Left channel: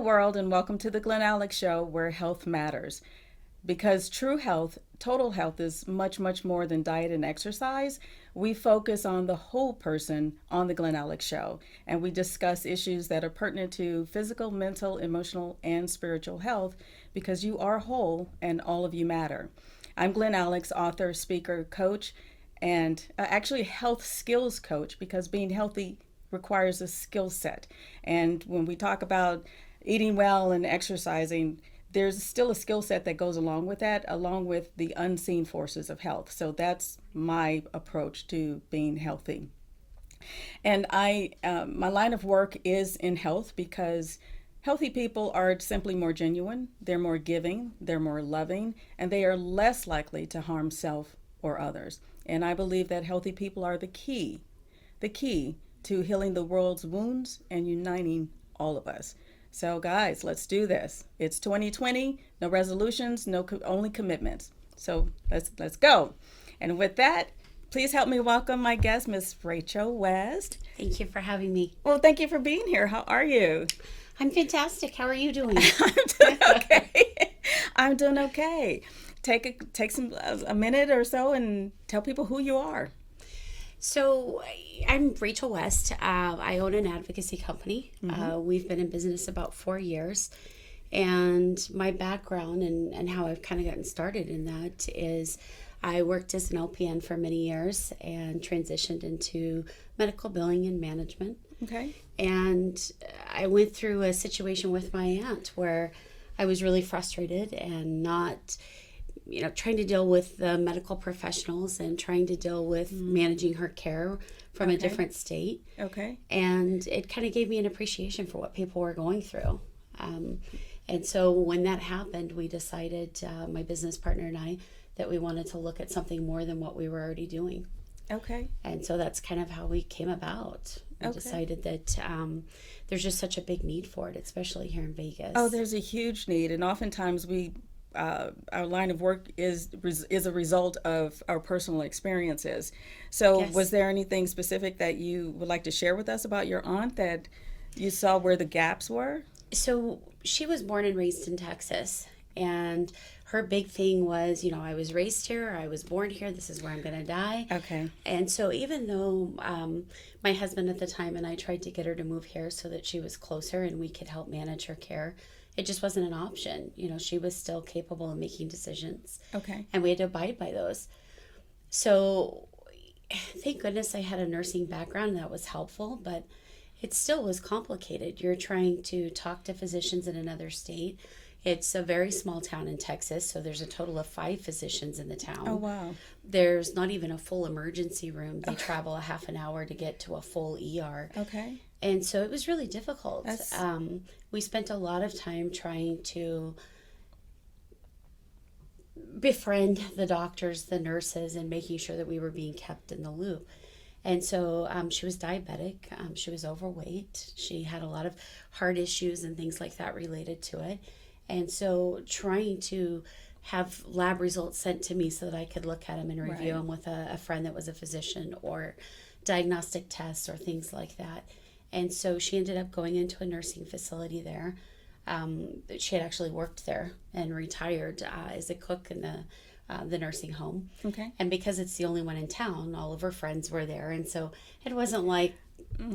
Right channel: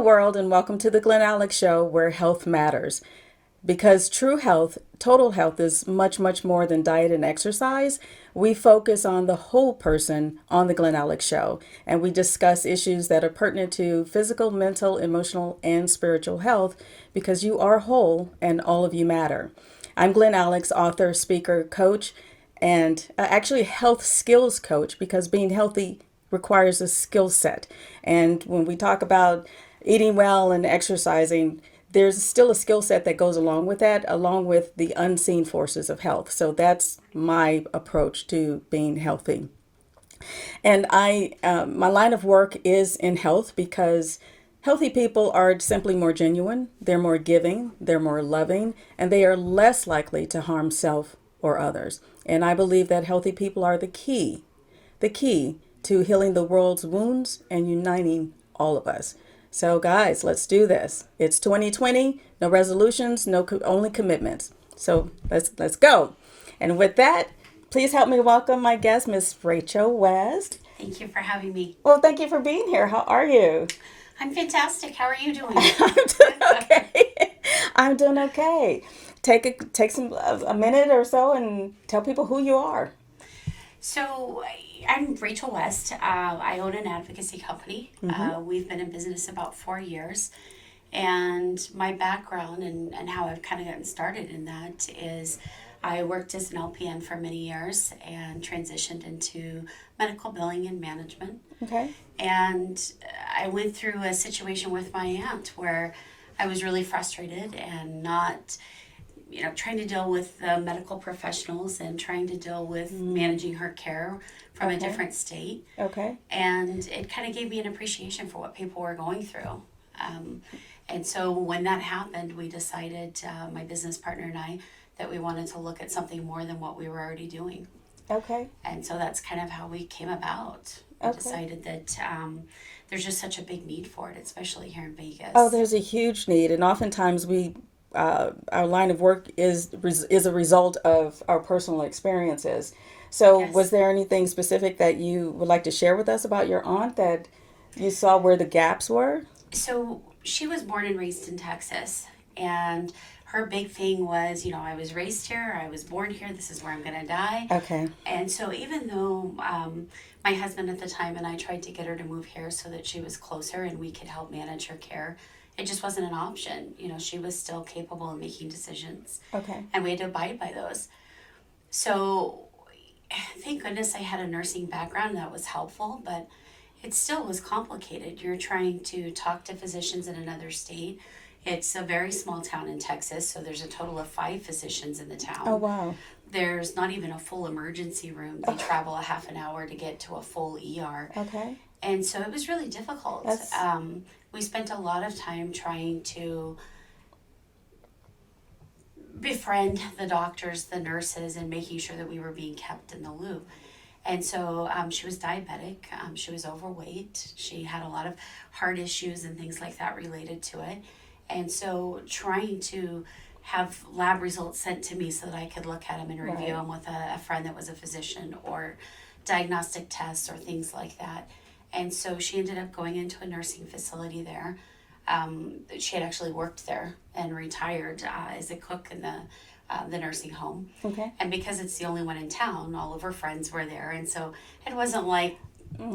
Hello, world, and welcome to the Glen Alex Show, where health matters. Because true health, total health, is much, much more than diet and exercise. We focus on the whole person on the Glen Alex Show, and we discuss issues that are pertinent to physical, mental, emotional, and spiritual health because you are whole and all of you matter. I'm Glen Alex, author, speaker, coach, and actually health skills coach because being healthy requires a skill set. And when we talk about eating well and exercising, there's still a skill set that goes along with that, along with the unseen forces of health. So that's my approach to being healthy. And my line of work is in health because healthy people are simply more genuine, they're more giving, they're more loving, and they are less likely to harm self or others. And I believe that healthy people are the key to healing the world's wounds and uniting all of us. So guys, let's do this. It's 2020, no resolutions, only commitments. So let's go. And with that, please help me welcome my guest, Miss Rachel West. Thank you for having me. Well, thank you for being here. How are you? I'm fantastic. How are you doing? I'm doing okay. I'm doing okay. Take a minute or so and tell people who you are. So, I'm Rachel West. I own an advocacy company. We've been in business about 4 years. And my background and how I've kind of gotten started in that is I worked as an LPN for many years and transitioned into medical billing and management. Okay. And I went through a situation with my aunt where I was really frustrated and not trying to deal with the medical professionals and trying to deal with managing her care from a different state. Okay. And it kind of gave me an appreciation for what people were going through. And so when that happened, we decided, my business partner and I, that we wanted to look at something more than what we were already doing. Okay. And so that's kind of how we came about. We decided that there's just such a big need for it, especially here in Vegas. Oh, there's a huge need, and oftentimes our line of work is a result of our personal experiences. So Yes. was there anything specific that you would like to share with us about your aunt that you saw where the gaps were? So she was born and raised in Texas, and her big thing was, I was raised here, I was born here, this is where I'm going to die. Okay. And so even though my husband at the time and I tried to get her to move here so that she was closer and we could help manage her care, it just wasn't an option. She was still capable of making decisions. Okay. And we had to abide by those. So thank goodness I had a nursing background that was helpful, but it still was complicated. You're trying to talk to physicians in another state. It's a very small town in Texas, so there's a total of 5 physicians in the town. Oh, wow. There's not even a full emergency room. They travel a half an hour to get to a full ER. Okay. And so it was really difficult. That's... We spent a lot of time trying to befriend the doctors, the nurses, and making sure that we were being kept in the loop. And so she was diabetic. She was overweight. She had a lot of heart issues and things like that related to it. And so trying to have lab results sent to me so that I could look at them and review them with a friend that was a physician, or diagnostic tests or things like that. And so she ended up going into a nursing facility there. She had actually worked there and retired as a cook in the nursing home. Okay. And because it's the only one in town, all of her friends were there. And so it wasn't like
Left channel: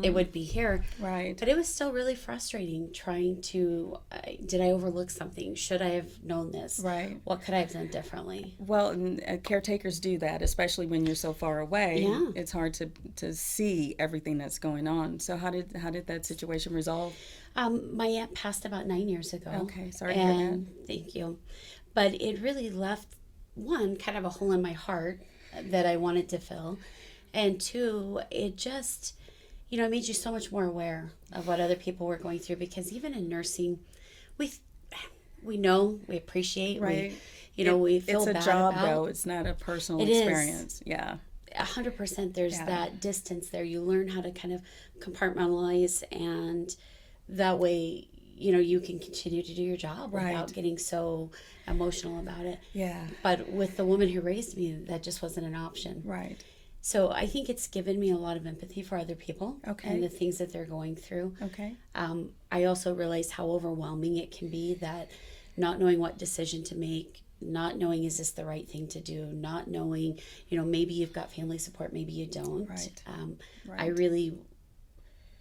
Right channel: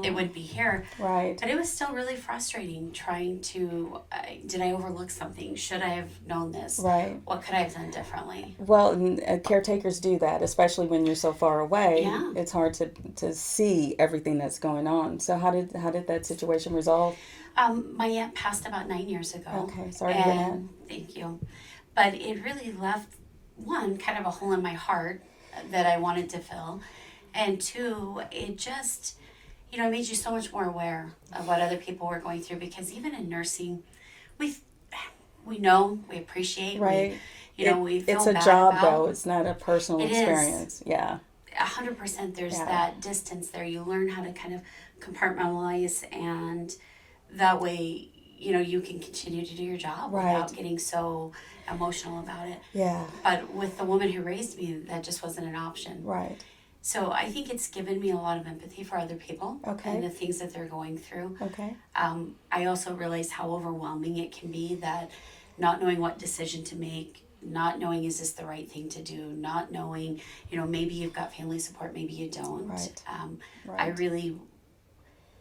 it would be here. Right. But it was still really frustrating trying to, did I overlook something? Should I have known this? Right. What could I have done differently? Well, caretakers do that, especially when you're so far away. Yeah. It's hard to see everything that's going on. So how did that situation resolve? My aunt passed about 9 years ago. Okay, sorry to hear that. Thank you. But it really left, one, kind of a hole in my heart that I wanted to fill. And two, it just, it made you so much more aware of what other people were going through, because even in nursing, we know, we appreciate, right. we feel it's a bad job about. though. It's not a personal experience. Yeah. 100%. There's that distance there. You learn how to kind of compartmentalize, and that way, you can continue to do your job without getting so emotional about it. Yeah. But with the woman who raised me, that just wasn't an option. Right. So I think it's given me a lot of empathy for other people Okay. and the things that they're going through. Okay. I also realized how overwhelming it can be, that not knowing what decision to make, not knowing is this the right thing to do, not knowing, maybe you've got family support, maybe you don't. Right. I Right. really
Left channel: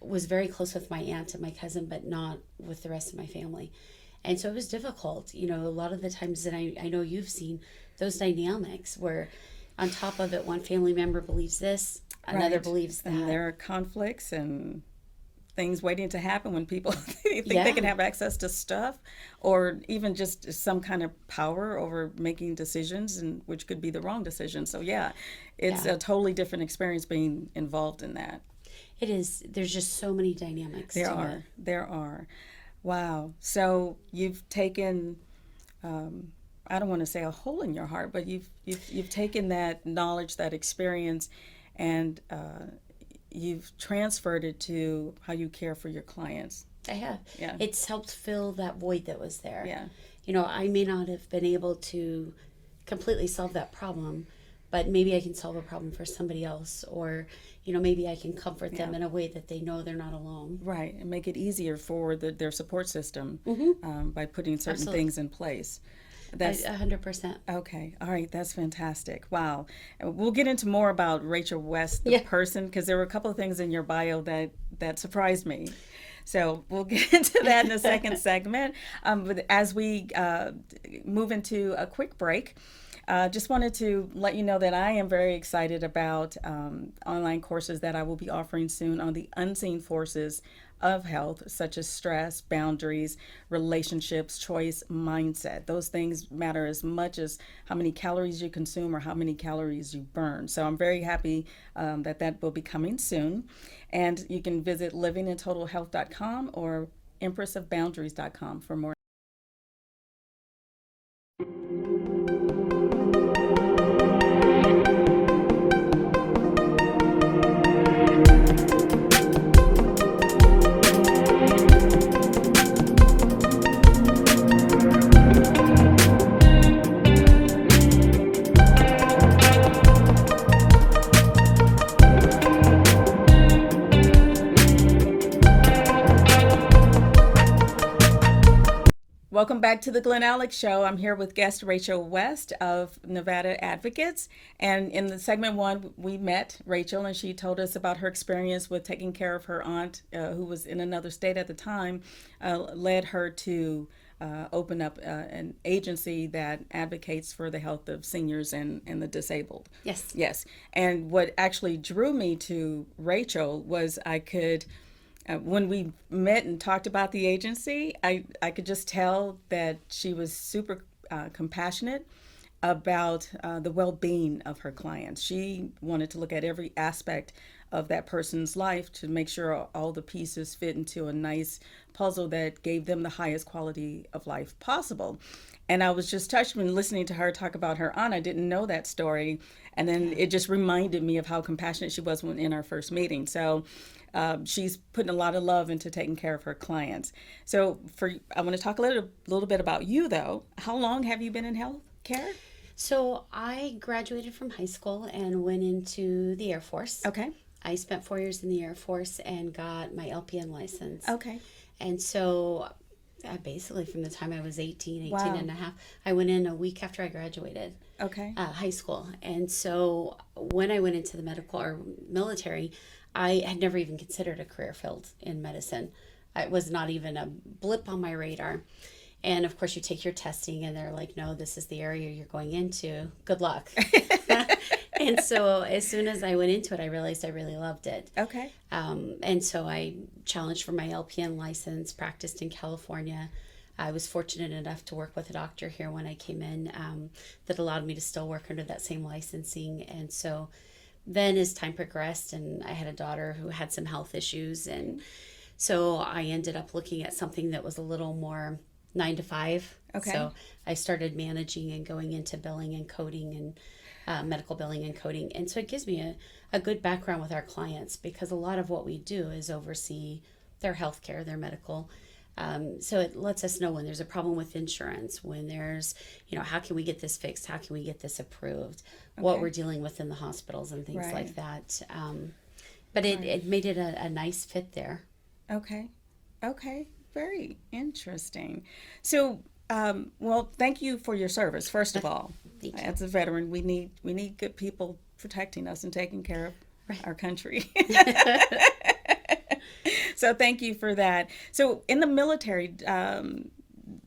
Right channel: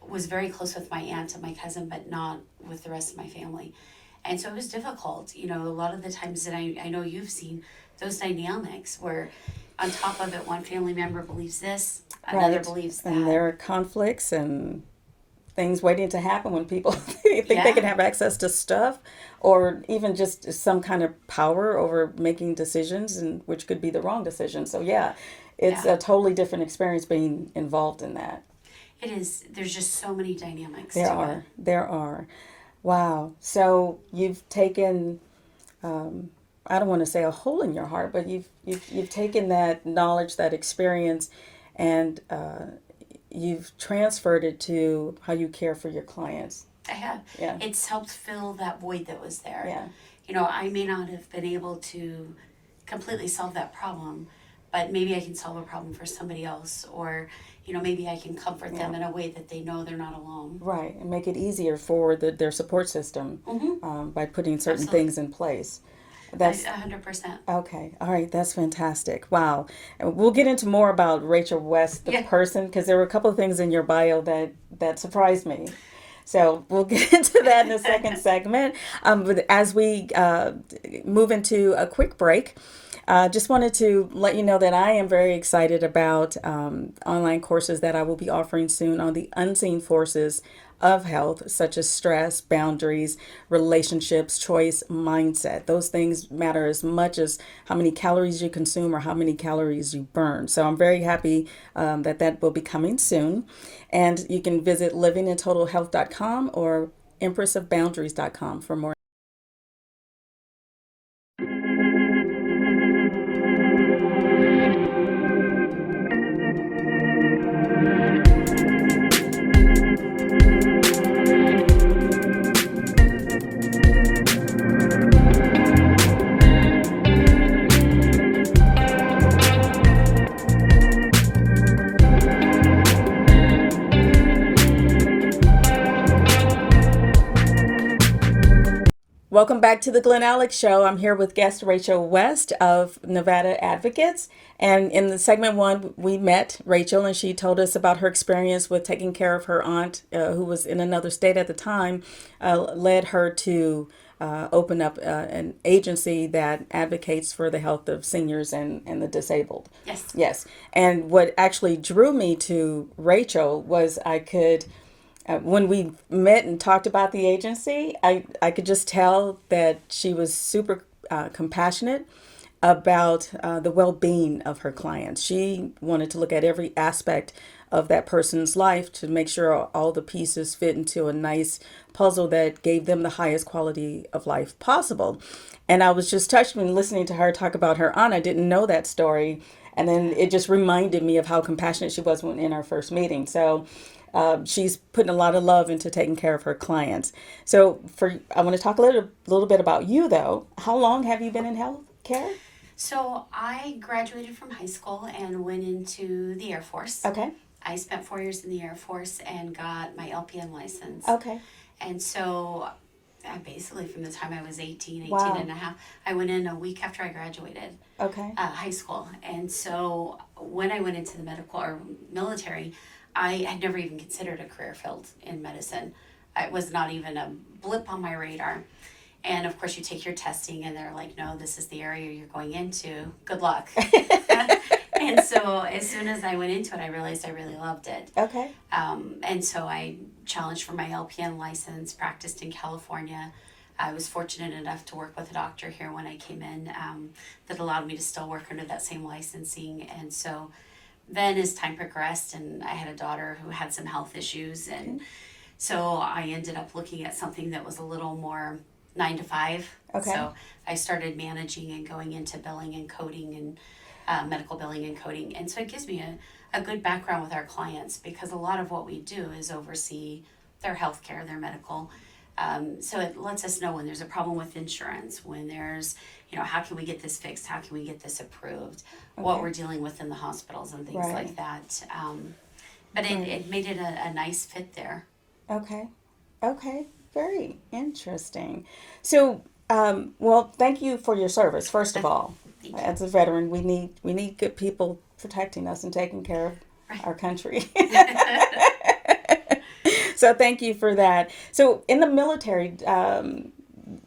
was very close with my aunt and my cousin, but not with the rest of my family. And so it was difficult. A lot of the times that I know you've seen those dynamics where on top of it, one family member believes this, another Right. believes And that. there are conflicts and things waiting to happen when people think they Yeah. can have access to stuff, or even just some kind of power over making decisions, and which could be the wrong decision. So yeah, it's Yeah. a totally different experience being involved in that. It is. There's just so many dynamics There to it. are. There are. Wow. So you've taken, um, I don't want to say a hole in your heart, but you've taken that knowledge, that experience, and you've transferred it to how you care for your clients. I have. Yeah. It's helped fill that void that was there. Yeah. I may not have been able to completely solve that problem, but maybe I can solve a problem for somebody else, or, maybe I can comfort them Yeah. in a way that they know they're not alone. Right. And make it easier for their support system Mm-hmm. by putting certain Absolutely. things in place. That's 100%. okay. All right. That's fantastic. Wow. And we'll get into more about Rachel West, the Yeah. person, because there were a couple of things in your bio that surprised me. So we'll get into that in the second segment. But as we move into a quick break, just wanted to let you know that I am very excited about online courses that I will be offering soon on the unseen forces of health, such as stress, boundaries, relationships, choice, mindset. Those things matter as much as how many calories you consume or how many calories you burn. So I'm very happy that will be coming soon. And you can visit livingintotalhealth.com or empressofboundaries.com for more. Welcome back to the Glen Alex Show. I'm here with guest Rachel West of Nevada Advocates. And in the segment one, we met Rachel, and she told us about her experience with taking care of her aunt, who was in another state at the time, led her to open up an agency that advocates for the health of seniors and the disabled. Yes. Yes. And what actually drew me to Rachel was when we met and talked about the agency, I could just tell that she was super compassionate about the well-being of her clients. She wanted to look at every aspect of that person's life to make sure all the pieces fit into a nice puzzle that gave them the highest quality of life possible. And I was just touched when listening to her talk about her aunt. I didn't know that story. And then it just reminded me of how compassionate she was when in our first meeting. So she's putting a lot of love into taking care of her clients. So I want to talk a little bit about you though. How long have you been in health care? So I graduated from high school and went into the Air Force. Okay. I spent 4 years in the Air Force and got my LPN license. Okay. And so I basically, from the time I was 18 Wow. and a half, I went in a week after I graduated Okay. high school. And so when I went into the medical or military, I had never even considered a career field in medicine. It was not even a blip on my radar. And of course, you take your testing, and they're like, no, this is the area you're going into. Good luck. And so as soon as I went into it, I realized I really loved it. Okay. And so I challenged for my LPN license, practiced in California. I was fortunate enough to work with a doctor here when I came in that allowed me to still work under that same licensing. And so then as time progressed, and I had a daughter who had some health issues, and so I ended up looking at something that was a little more 9 to 5. Okay. So I started managing and going into billing and coding and medical billing and coding. And so it gives me a good background with our clients, because a lot of what we do is oversee their health care, their medical. So it lets us know when there's a problem with insurance, when there's, how can we get this fixed? How can we get this approved? What Okay. we're dealing with in the hospitals and things Right. like that. But it, Right. it made it a nice fit there. Okay. Okay. Very interesting. So, well, thank you for your service. First of all, Thank you. as a veteran, we need good people protecting us and taking care of Right. our country. So, thank you for that. So, in the military,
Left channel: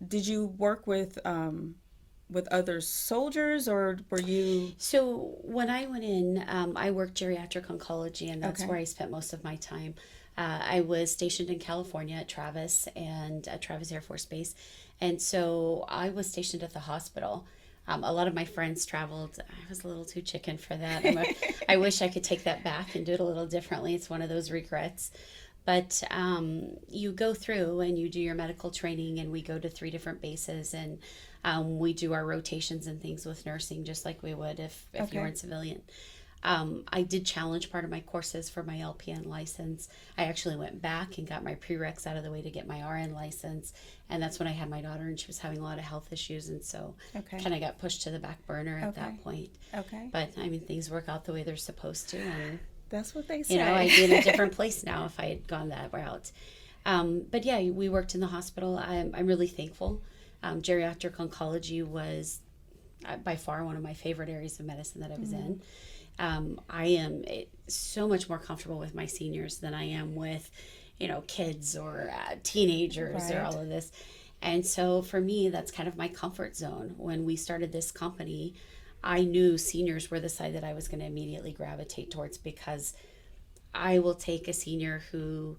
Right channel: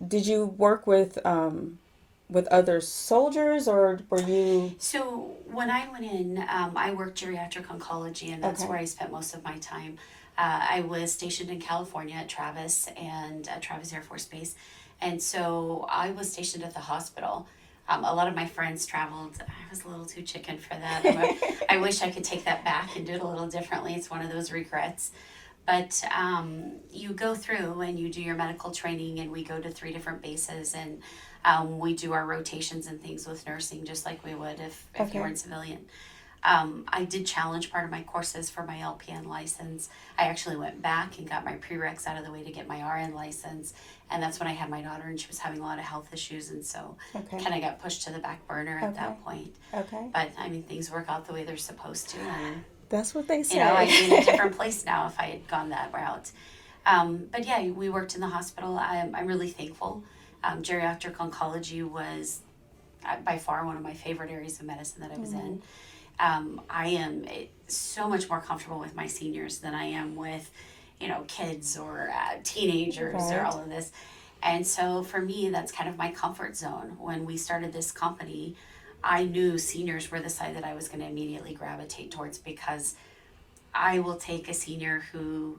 did you work with other soldiers, or were you? So when I went in, I worked geriatric oncology, and that's Okay. where I spent most of my time. I was stationed in California at Travis and at Travis Air Force Base, and so I was stationed at the hospital. A lot of my friends traveled. I was a little too chicken for that. I wish I could take that back and do it a little differently. It's one of those regrets. But you go through and you do your medical training, and we go to 3 different bases, and we do our rotations and things with nursing, just like we would if you were Okay. in civilian. I did challenge part of my courses for my LPN license. I actually went back and got my prereqs out of the way to get my RN license, and that's when I had my daughter, and she was having a lot of health issues, and so Okay. kind of got pushed to the back burner at Okay. that point. Okay. But I mean, things work out the way they're supposed to, and That's what they say. I'd be in a different place now if I had gone that route. But yeah, we worked in the hospital. I'm really thankful. Geriatric oncology was by far one of my favorite areas of medicine that I was in. I am so much more comfortable with my seniors than I am with, kids or teenagers or Right. all of this. And so for me, that's kind of my comfort zone. When we started this company, I knew seniors were the side that I was going to immediately gravitate towards, because I will take a senior who,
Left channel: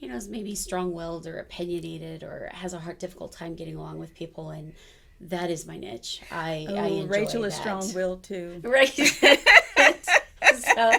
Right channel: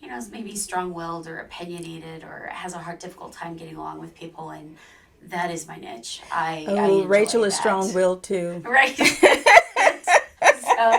is maybe strong-willed or opinionated or has a difficult time getting along with people, and that is my niche. I Oh, enjoy Rachel is that. strong-willed too. Right. So,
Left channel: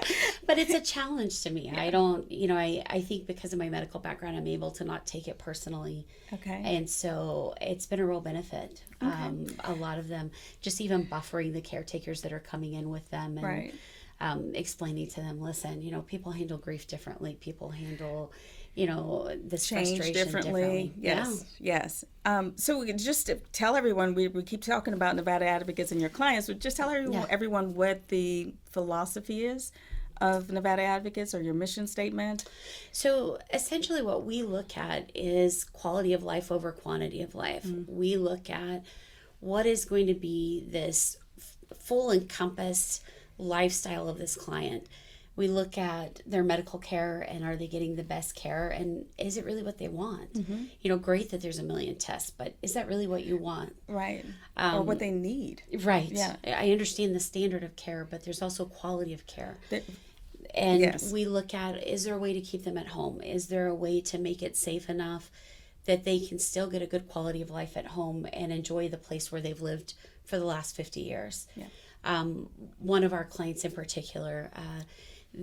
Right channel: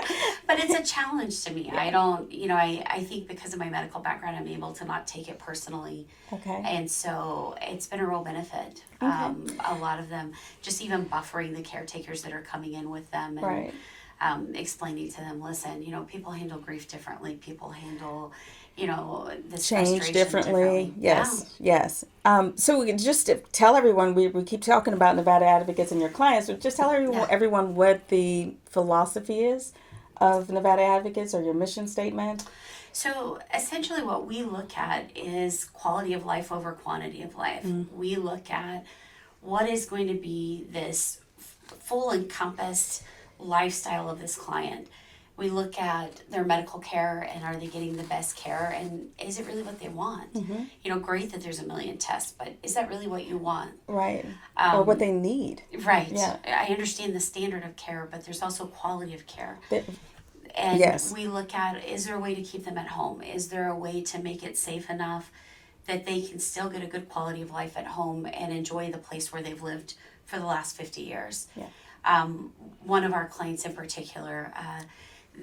but it's a challenge to me. I don't, I think because of my medical background, I'm able to not take it personally. Okay. And so it's been a real benefit. A lot of them, just even buffering the caretakers that are coming in with them, and Right. explaining to them, listen, people handle grief differently. People handle, this Change frustration differently. Yes, Yeah. yes. So just to tell everyone, we keep talking about Nevada Advocates and your clients, but just tell everyone what the philosophy is of Nevada Advocates, or your mission statement. So essentially, what we look at is quality of life over quantity of life. We look at what is going to be this full encompassed lifestyle of this client. We look at their medical care, and are they getting the best care, and is it really what they want? Great that there's a million tests, but is that really what you want? Right. Or what they need. Right. Yeah. I understand the standard of care, but there's also quality of care. That- And Yes. we look at, is there a way to keep them at home? Is there a way to make it safe enough that they can still get a good quality of life at home and enjoy the place where they've lived for the last 50 years? Yeah. One of our clients in particular,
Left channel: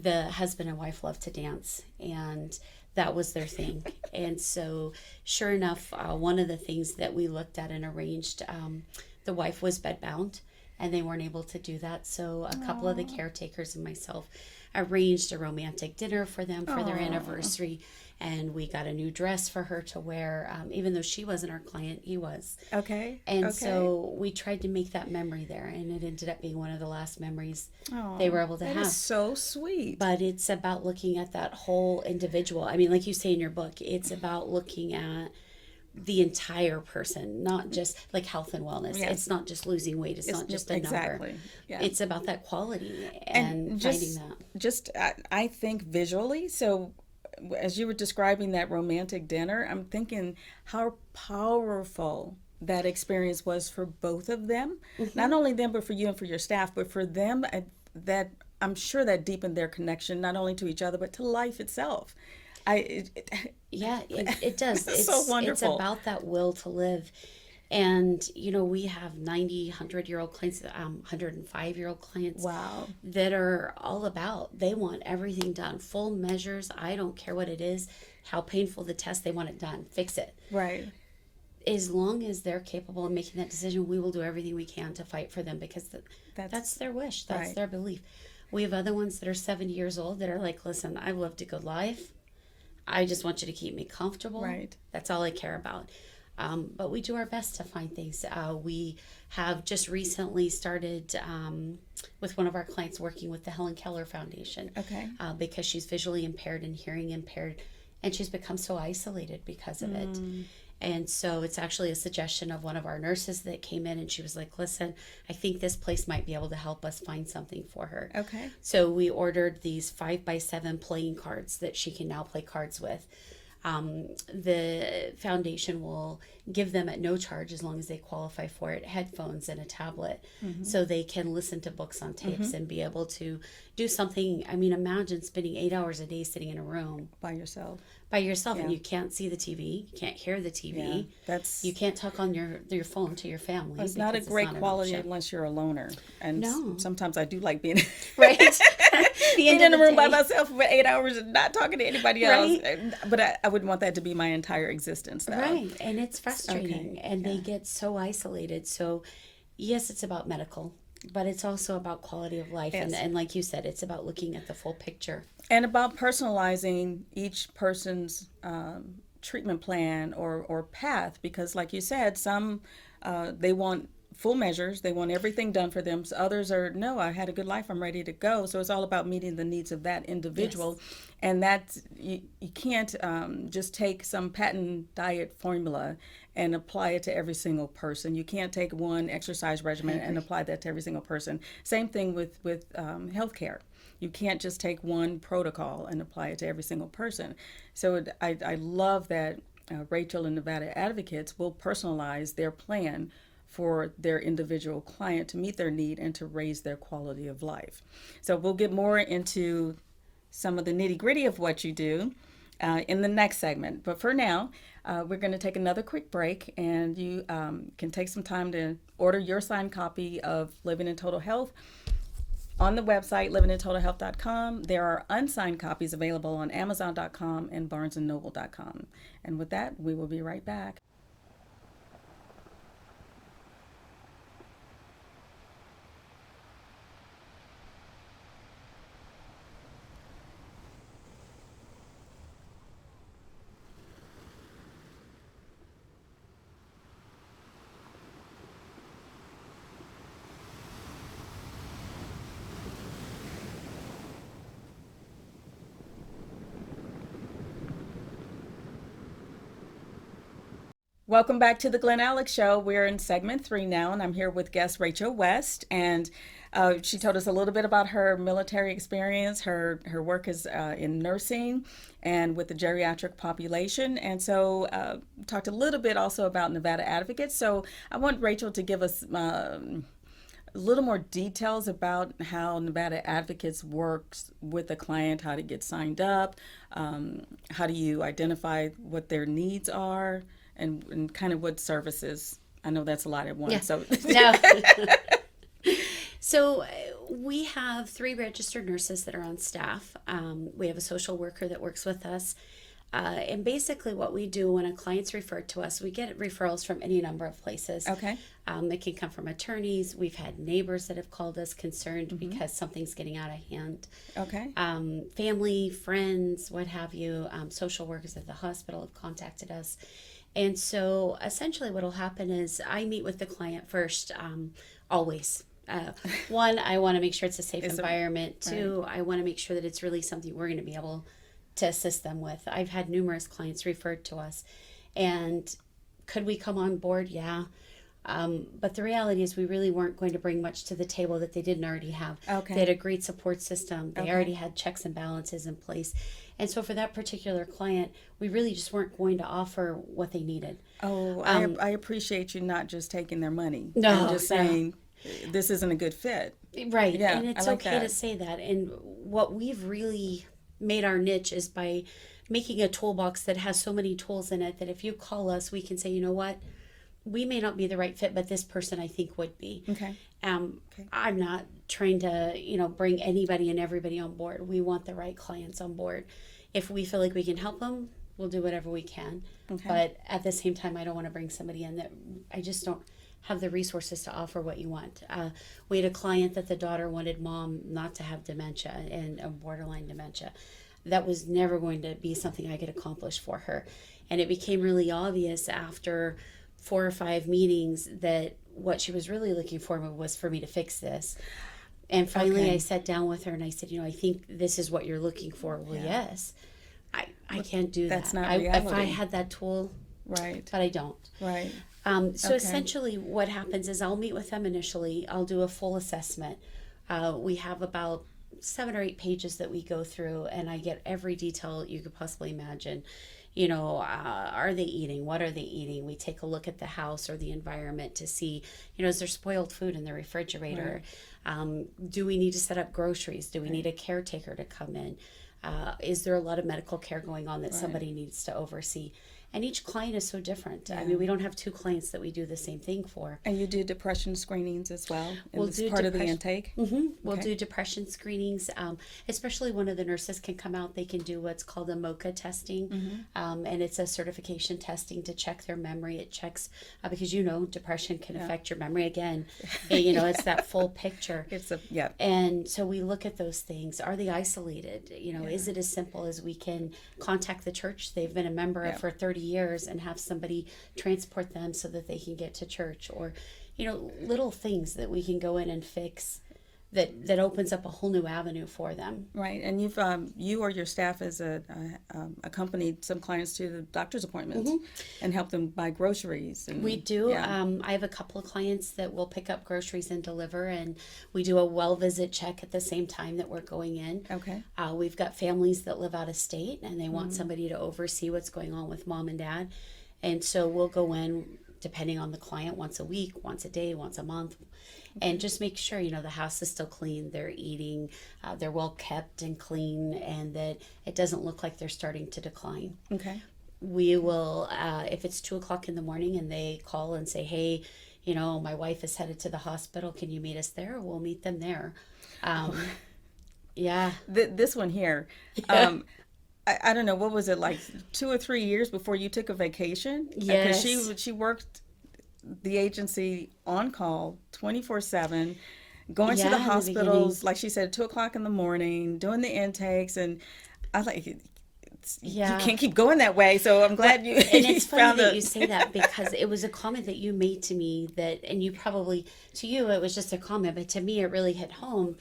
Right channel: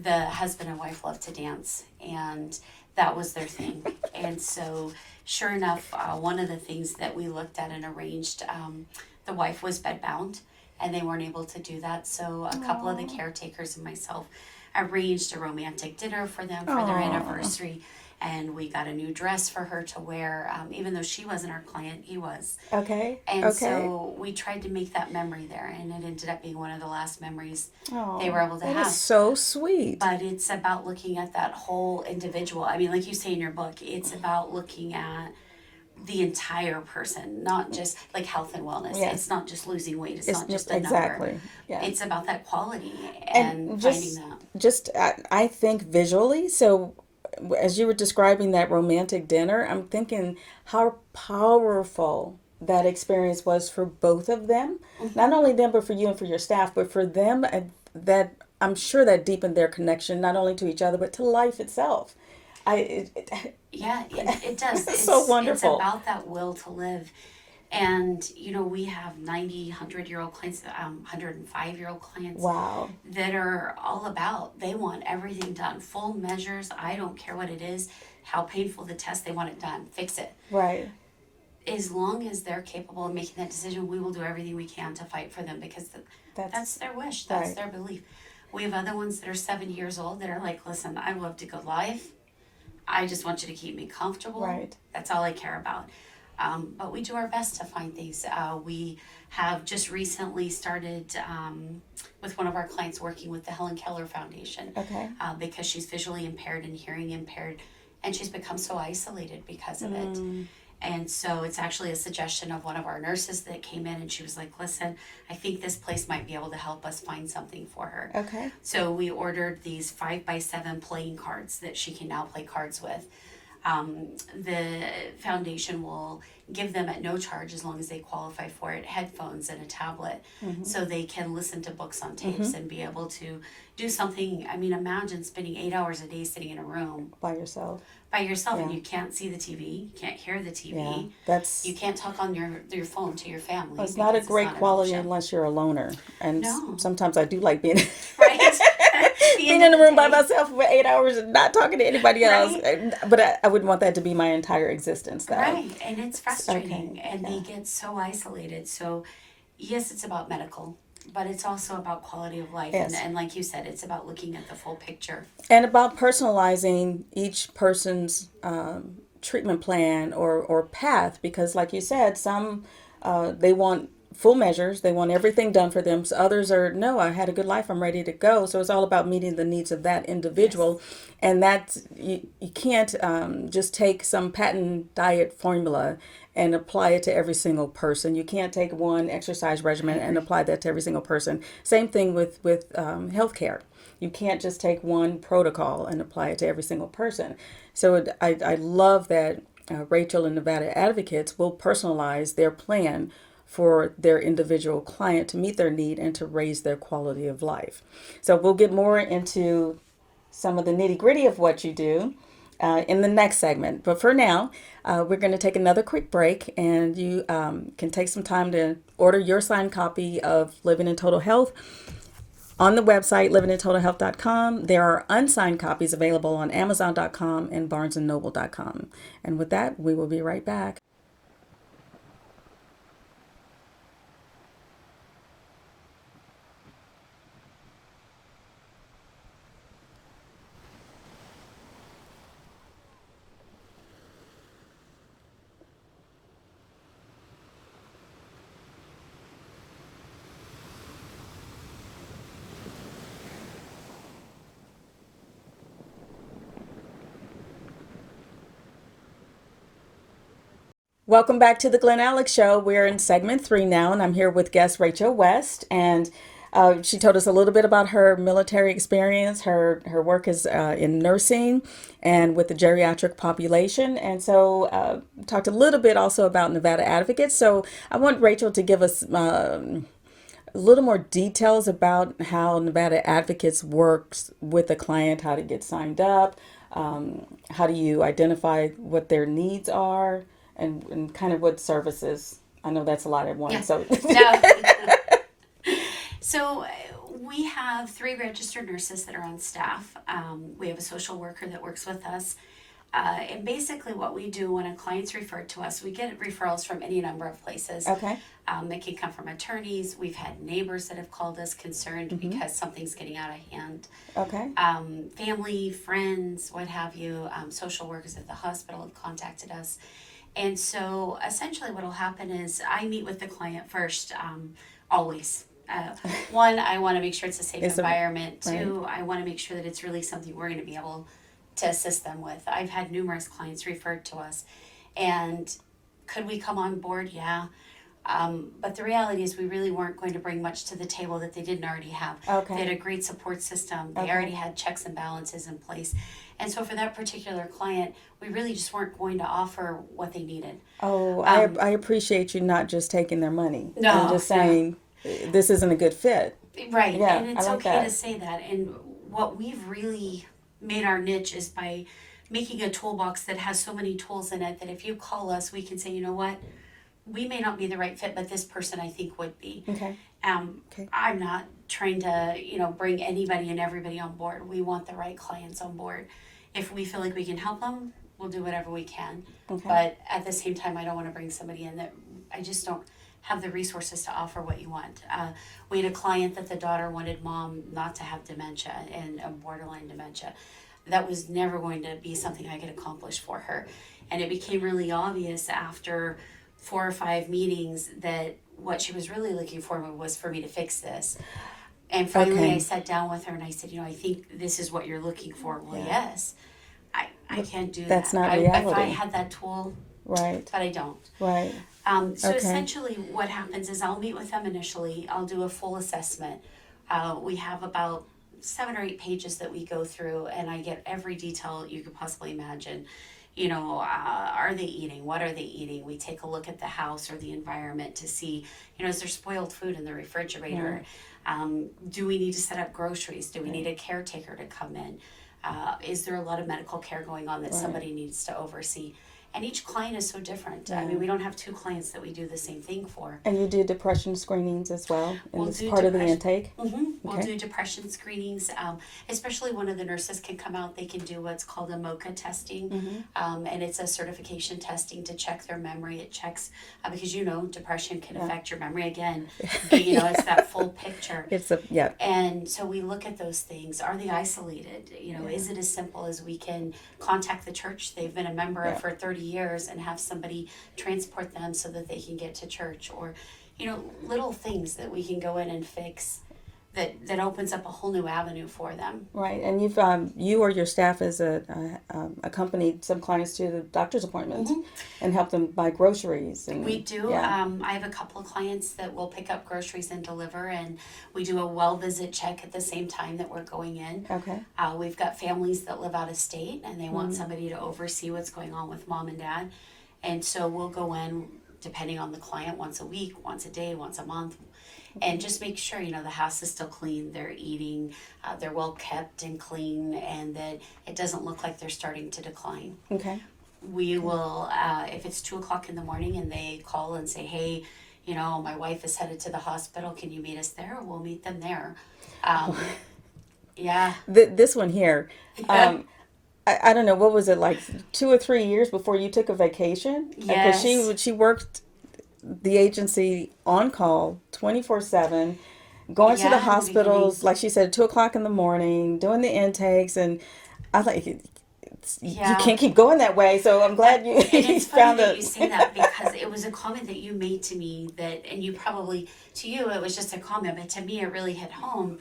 the husband and wife love to dance, and that was their thing. And so, sure enough, one of the things that we looked at and arranged, the wife was bedbound, and they weren't able to do that. So, a couple of the caretakers and myself arranged a romantic dinner for them for their Aw. anniversary, and we got a new dress for her to wear, even though she wasn't our client, he was. Okay. And Okay. so we tried to make that memory there, and it ended up being one of the last memories Aw, they were able to that have. is so sweet. But it's about looking at that whole individual. I mean, like you say in your book, it's about looking at the entire person, not just like health and wellness. Yes. It's not just losing weight. It's not just a exactly. number. Yeah. It's about that quality And and just- finding that. Just I think visually. So as you were describing that romantic dinner, I'm thinking how powerful that experience was for both of them. Not only them, but for you and for your staff, but for them, that I'm sure that deepened their connection not only to each other but to life itself. Yeah, it does. It's so wonderful. It's about that will to live. And, we have 90, 100-year-old clients, 105-year-old clients Wow. that are all about, they want everything done. Full measures, I don't care what it is, how painful the test, they want it done. Fix it. Right. As long as they're capable of making that decision, we will do everything we can to fight for them, because that's their wish. That's right. their belief. We have other ones that are 70 years old that are like, listen, I love to go live, I just want you to keep me comfortable. Right. That's all I care about. But we do our best to find things. We have just recently started with one of our clients working with the Helen Keller Foundation. Okay. Because she's visually impaired and hearing impaired, and she's become so isolated because of it. And so it's actually a suggestion of one of our nurses that came in, and she was like, listen, I think this place might be able to help us find something for her. Okay. So we ordered these 5x7 playing cards that she can now play cards with. The foundation will give them at no charge, as long as they qualify for it, headphones and a tablet, so they can listen to books on tapes and be able to do something. I mean, imagine spending 8 hours a day sitting in a room By yourself. and you can't see the TV, you can't hear the TV, That's you can't talk on your phone to your family. it's not a because great not an quality option. unless you're a loner. And No. sometimes I do like being Right. being in the room by myself for 8 hours and not talking to anybody else. Right. But I wouldn't want that to be my entire existence, though. Right, and it's frustrating, and they Yeah. get so isolated. So, yes, it's about medical, but it's also about quality of life. Yes. And like you said, it's about looking at the full picture. And about personalizing each person's treatment plan or path, because like you said, some they want full measures, they want everything done for them. So others are, no, I had a good life, I'm ready to go. So it's all about meeting the needs of that individual. And that's, you can't just take some patent diet formula and apply it to every single person. You can't take one exercise regimen and apply that to every single person. Same thing with healthcare. You can't just take one protocol and apply it to every single person. So I love that Rachel and Nevada Advocates will personalize their plan for their individual client to meet their need and to raise their quality of life. So we'll get more into some of the nitty gritty of what you do in the next segment. But for now, we're going to take another quick break, and you can take some time to order your signed copy of Living in Total Health on the website, livingintotalhealth.com. There are unsigned copies available on amazon.com and barnesandnoble.com. And with that, we will be right back. Welcome back to the Glen Alex Show. We're in segment 3 now, and I'm here with guest Rachel West, and she told us a little bit about her military experience. Her work is in nursing and with the geriatric population, and so talked a little bit also about Nevada Advocates. So I want Rachel to give us a little more details about how Nevada Advocates works with the client, how to get signed up, how do you identify what their needs are, and kind of what services. I know that's a lot at once. Yeah. So No. So we have 3 registered nurses that are on staff. We have a social worker that works with us. And basically what we do when a client's referred to us, we get referrals from any number of places. okay, It can come from attorneys. We've had neighbors that have called us concerned because something's getting out of hand. okay, Family, friends, what have you. Social workers at the hospital have contacted us. And so essentially what will happen is I meet with the client first, always. One, I want to make sure it's a safe environment. 2, I want to make sure that it's really something we're going to be able to assist them with. I've had numerous clients referred to us. And could we come on board? Yeah. But the reality is we really weren't going to bring much to the table that they didn't already have. Okay. They had a great support system. They already had checks and balances in place. And so for that particular client, we really just weren't going to offer what they needed. Oh, I appreciate you not just taking their money. No, And just saying, this isn't a good fit. Right. Yeah, And it's I like okay that. to say that. And what we've really made our niche is by making a toolbox that has so many tools in it that if you call us, we can say, you know what, we may not be the right fit, but this person I think would be. Okay. Okay. I'm not trying to, bring anybody and everybody on board. We want the right clients on board. If we feel like we can help them, we'll do whatever we can. Okay. But at the same time, I don't want to bring somebody in that I just don't have the resources to offer what you want. We had a client that the daughter wanted mom not to have dementia and borderline dementia. that was never going to be something I could accomplish for her. And it became really obvious after 4 or 5 meetings that what she was really looking for was for me to fix this. And finally, I sat down with her and I said, I think this is what you're looking for. Well, yes. I can't do That's that. not reality. If I had that tool, right. but I don't. Right. So essentially what happens is I'll meet with them initially. I'll do a full assessment. We have about 7 or 8 pages that we go through, and I get every detail you could possibly imagine. Are they eating? What are they eating? We take a look at the house or the environment to see, is there spoiled food in the refrigerator? Right. Do we need to set up groceries? Do we need a caretaker to come in? Is there a lot of medical care going on that somebody needs to oversee? And each client is so different. I mean, we don't have 2 clients that we do the same thing for. And you do depression screenings as well? We'll as part of the intake? Mm-hmm. We'll do depression screenings. Especially one of the nurses can come out. They can do what's called a MOCA testing. And it's a certification testing to check their memory. It checks, because depression can affect your memory again. And, it's that full picture. And so we look at those things. Are they isolated? Is it as simple as we can contact the church they've been a member of for 30 years and have somebody transport them so that they can get to church, or little things that we can go in and fix that opens up a whole new avenue for them. Right. And you've you or your staff has accompanied some clients to the doctor's appointments and help them buy groceries. And we do. I have a couple of clients that will pick up groceries and deliver, and we do a well visit check at the same time that we're going in. Okay. We've got families that live out of state and they want somebody to oversee what's going on with mom and dad, and so we'll go in depending on the client once a week, once a day, once a month. And just make sure, the house is still clean, they're eating, they're well kept and clean, and that it doesn't look like they're starting to decline. Okay. We will, if it's 2:00 in the morning and they call and say, hey, my wife is headed to the hospital, can you meet us there? We'll meet them there. Yeah. This one here, I don't know, what was it, like 2 or 3 years before you took a vacation? Yes. Because she worked the agency on call 24/7, going to the hospitals, like she said, 2:00 in the morning, doing the intakes, and I was like, you can't keep going that way. So I'm glad you. And it's funny that you say that, because it was a comment that you made to me and you probably, to you it was just a comment, but to me it really hit home.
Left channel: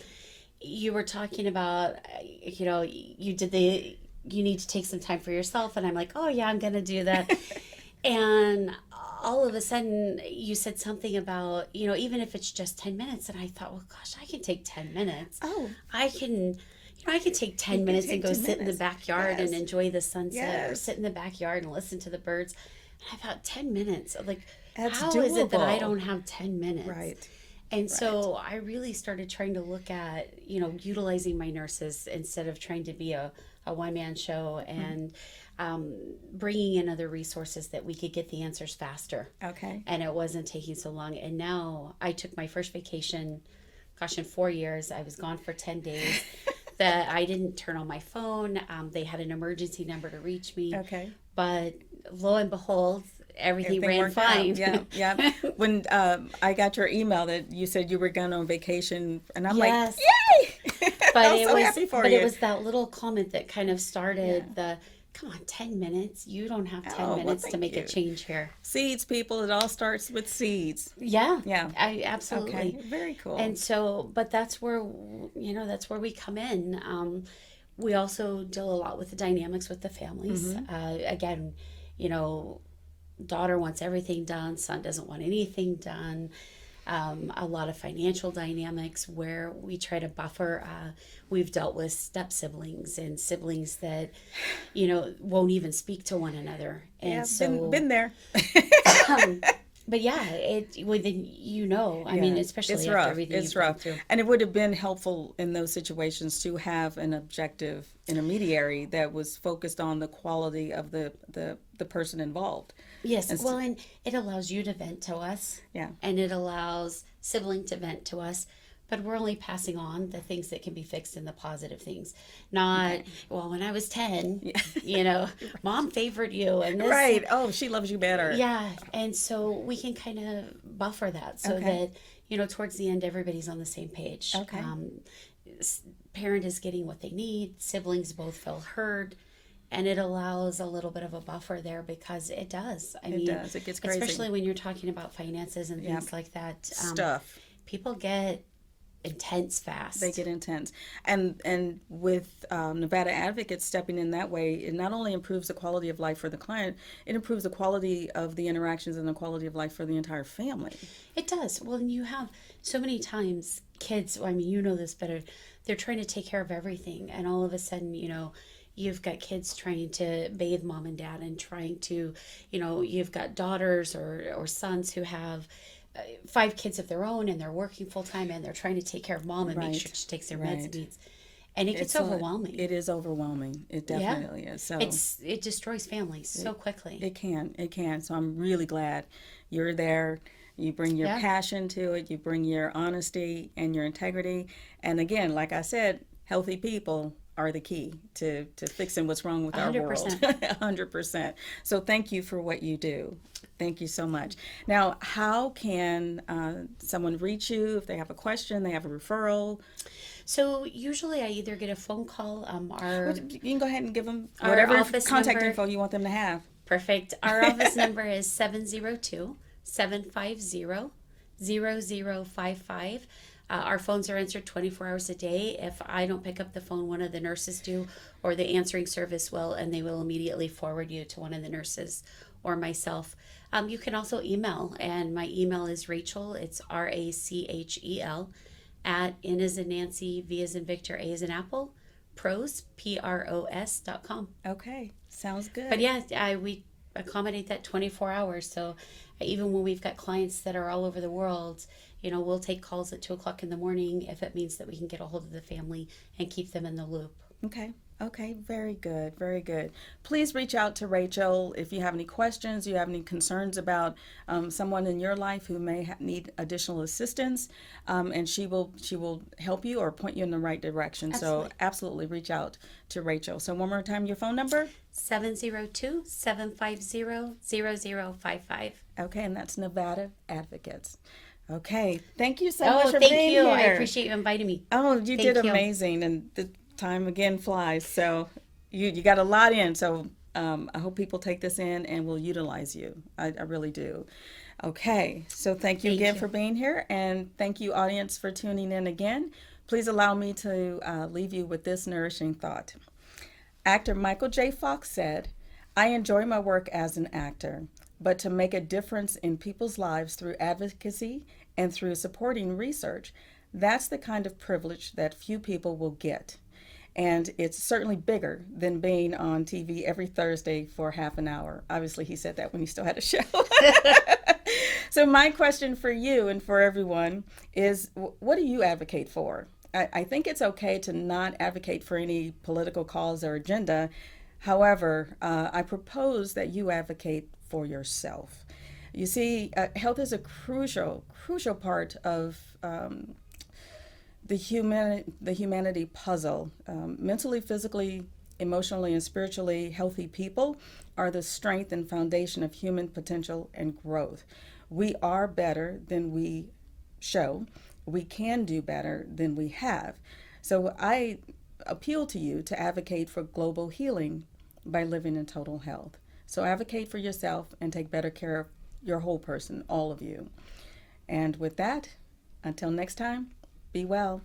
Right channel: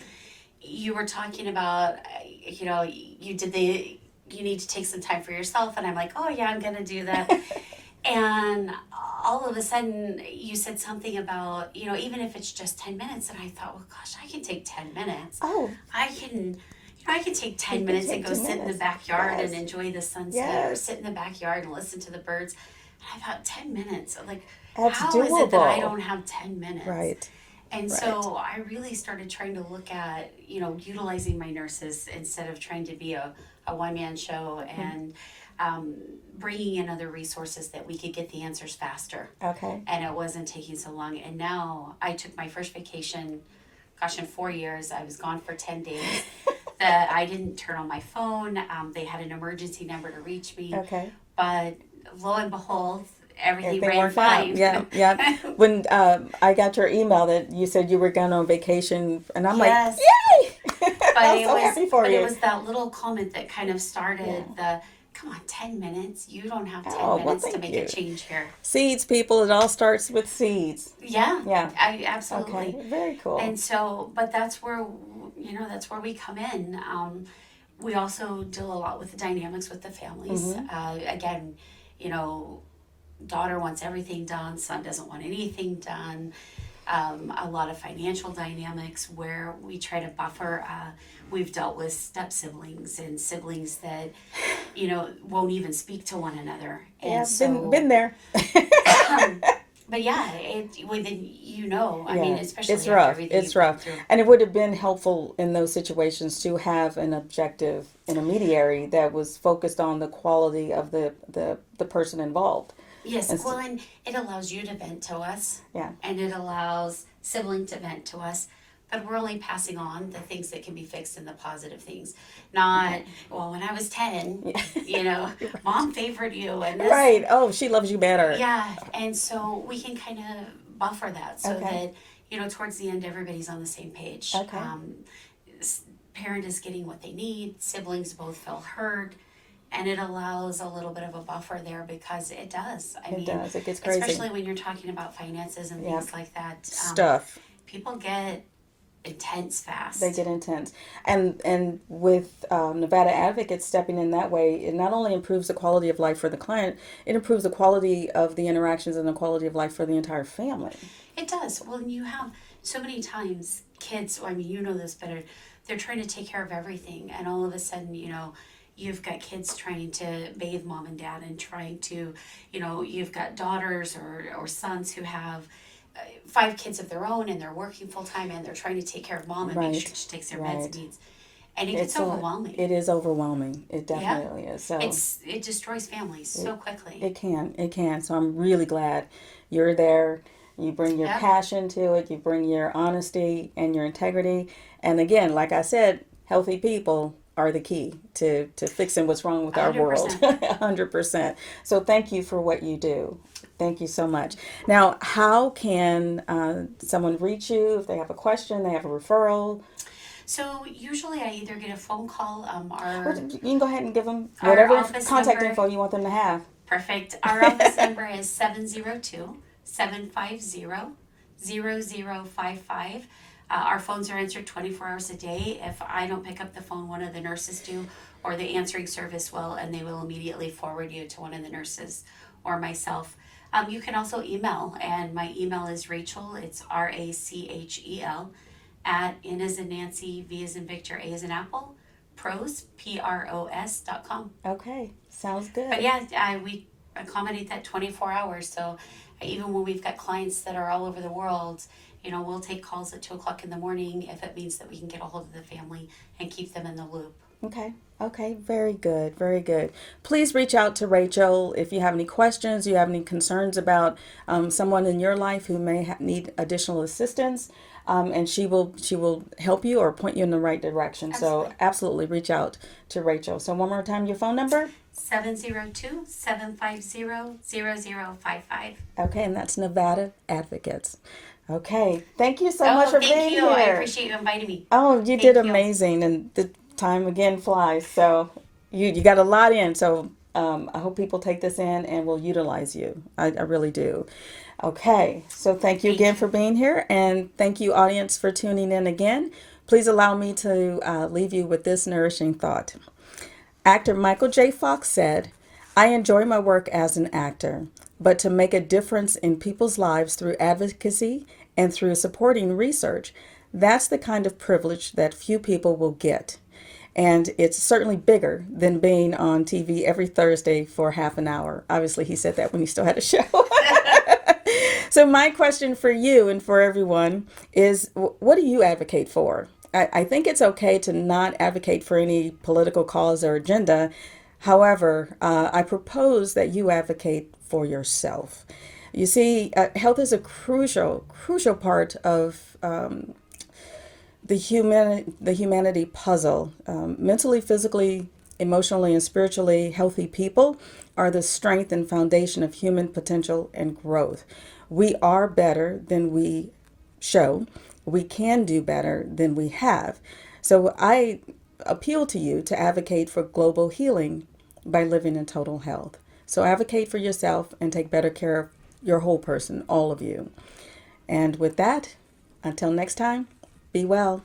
You were talking about, you need to take some time for yourself, and I'm like, oh yeah, I'm gonna do that. And all of a sudden you said something about, even if it's just 10 minutes, and I thought, well, gosh, I can take 10 minutes. Oh. I can take 10 minutes and go sit in the backyard and enjoy the sunset, or sit in the backyard and listen to the birds. And I thought, 10 minutes, like, that's how doable. is it that I don't have 10 minutes? Right. And so I really started trying to look at, utilizing my nurses instead of trying to be a one-man show, and bringing in other resources that we could get the answers faster. Okay. And it wasn't taking so long. And now I took my first vacation, in 4 years. I was gone for 10 days. That I didn't turn on my phone. They had an emergency number to reach me. Okay. But lo and behold, everything ran fine. Yeah. When I got your email that you said you were going on vacation, and I'm like, yay! But it was that little comment that kind of started come on, 10 minutes? You don't have 10 minutes to make a change here. Seeds, people. It all starts with seeds. Yeah. Absolutely. Okay. Very cool. And so, but that's where, we come in. We also deal a lot with the dynamics with the families. Again, daughter wants everything done. Son doesn't want anything done. A lot of financial dynamics where we try to buffer. We've dealt with step siblings and siblings that, won't even speak to one another. And so, been there. But yeah, I mean, especially it's after rough. everything It's you've rough. gone through. And it would have been helpful in those situations to have an objective intermediary that was focused on the quality of the person involved. Yes, and it allows you to vent to us. Yeah. And it allows sibling to vent to us. But we're only passing on the things that can be fixed and the positive things. Not, well, when I was 10, mom favored you. And this, right. Oh, she loves you better. Yeah. And so we can kind of buffer that so that, towards the end, everybody's on the same page. Okay. parent is getting what they need, siblings both feel heard, and it allows a little bit of a buffer there because it does. It does. It gets crazy. Especially when you're talking about finances and Yep. things like that. Stuff. People get intense fast. They get intense. And with Nevada Advocates stepping in that way, it not only improves the quality of life for the client, it improves the quality of the interactions and the quality of life for the entire family. It does. Well, you have so many times kids, I mean, you know this better, they're trying to take care of everything. And all of a sudden, you've got kids trying to bathe mom and dad and trying to, you've got daughters or sons who have 5 kids of their own and they're working full time and they're trying to take care of mom and make sure she takes their meds and needs. And it gets overwhelming. It is overwhelming. It definitely is. So it destroys families so quickly. It can. So I'm really glad you're there. You bring your passion to it. You bring your honesty and your integrity. And again, like I said, healthy people are the key to fixing what's wrong with our 100%. world. 100%. So thank you for what you do. Thank you so much. Now, how can someone reach you if they have a question, they have a referral? So usually I either get a phone call. You can go ahead and give them whatever contact info you want them to have. Perfect. Our office number is 702-750-0055. Our phones are answered 24 hours a day. If I don't pick up the phone, one of the nurses do, or the answering service will, and they will immediately forward you to one of the nurses or myself. You can also email, and my email is Rachel. It's RACHEL at N as in Nancy, V as in Victor, A as in Apple, pros, PROS.com. Okay, sounds good. But yeah, we accommodate that 24 hours. So even when we've got clients that are all over the world, we'll take calls at 2 o'clock in the morning if it means that we can get a hold of the family and keep them in the loop. Okay, very good, very good. Please reach out to Rachel if you have any questions, you have any concerns about someone in your life who may need additional assistance, and she will help you or point you in the right direction. Absolutely. So absolutely reach out to Rachel. So one more time, your phone number? 702-750-0055. Okay, and that's Nevada Advocates. Okay, thank you so much for being here. Thank you. I appreciate you inviting me. Oh, you did amazing, and the time again flies. So you got a lot in. So I hope people take this in and will utilize you. I really do. Okay, so thank you again for being here, and thank you, audience, for tuning in again. Please allow me to leave you with this nourishing thought. Actor Michael J. Fox said, "I enjoy my work as an actor, but to make a difference in people's lives through advocacy and through supporting research, that's the kind of privilege that few people will get. And it's certainly bigger than being on TV every Thursday for half an hour." Obviously, he said that when he still had a show. So my question for you and for everyone is, what do you advocate for? I think it's okay to not advocate for any political cause or agenda. However, I propose that you advocate for yourself. You see, health is a crucial part of the humanity puzzle. Mentally, physically, emotionally, and spiritually healthy people are the strength and foundation of human potential and growth. We are better than we show. We can do better than we have. So I appeal to you to advocate for global healing by living in total health. So advocate for yourself and take better care of your whole person, all of you. And with that, until next time, be well.